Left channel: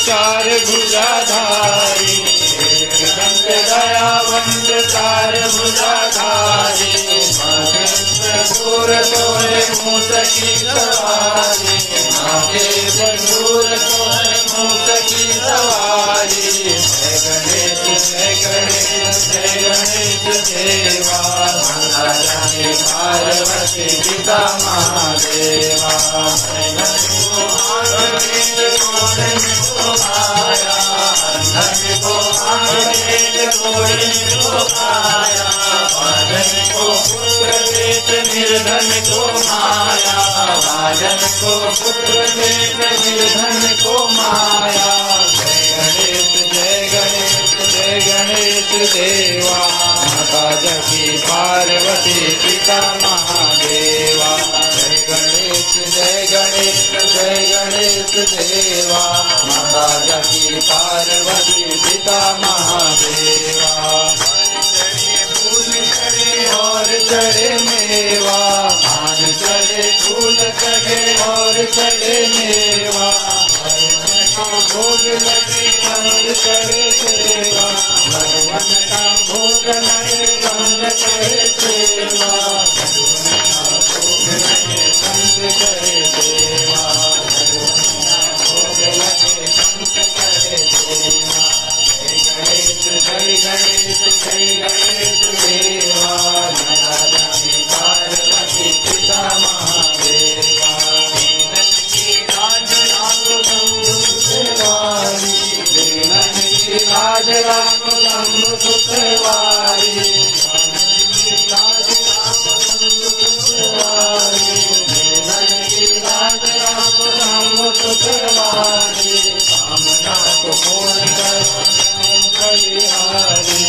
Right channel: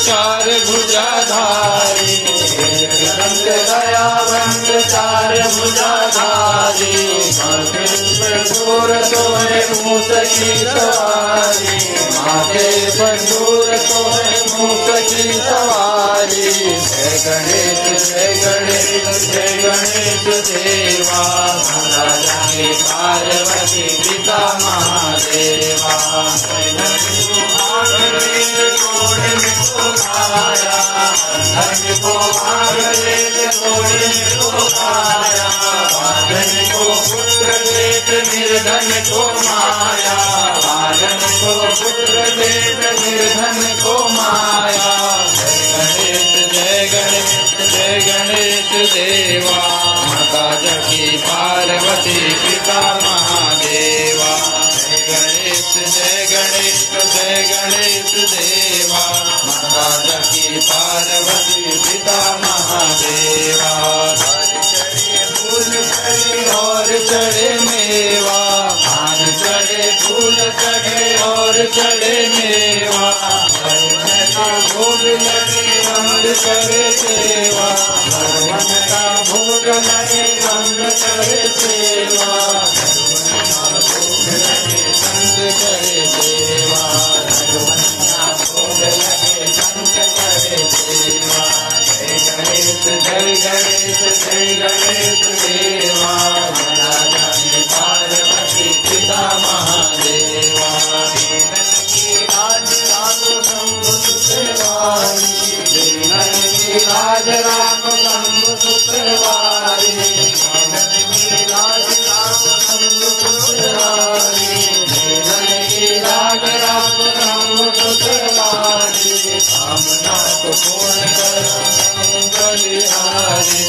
चार भुजाधारी दंत दयावंत चार भुजाधारी दूर सोए मूस की सवारी माथे दूर सोए मूस की सवारी जय गणेश जय गणेश जय गणेश देवा महारानी पार्वती पिता महादेवा निर्धन को माया बालन को पुत्र देत निर्धन को माया जय गणेश जय गणेश देवा माता जकी पार्वती पिता महादेवा जय गणेश जय गणेश देवा माता जकी पार्वती पिता महादेवा और चढ़े मेवा भान चढ़े फूल चढ़े और चढ़े मेवा भोग लगे बंद करे सेवा भगवान का भोग लगे बंद करे सेवा बंद करे सेवा भगवान का भोग लगे बंद करे सेवा जय गणेश देवा महारानी पार्वती पिता महादेवा राज राम शंभु सुतवारी राज राम शंभु सुतवारी कामना को पूर्ण कर बलिहारी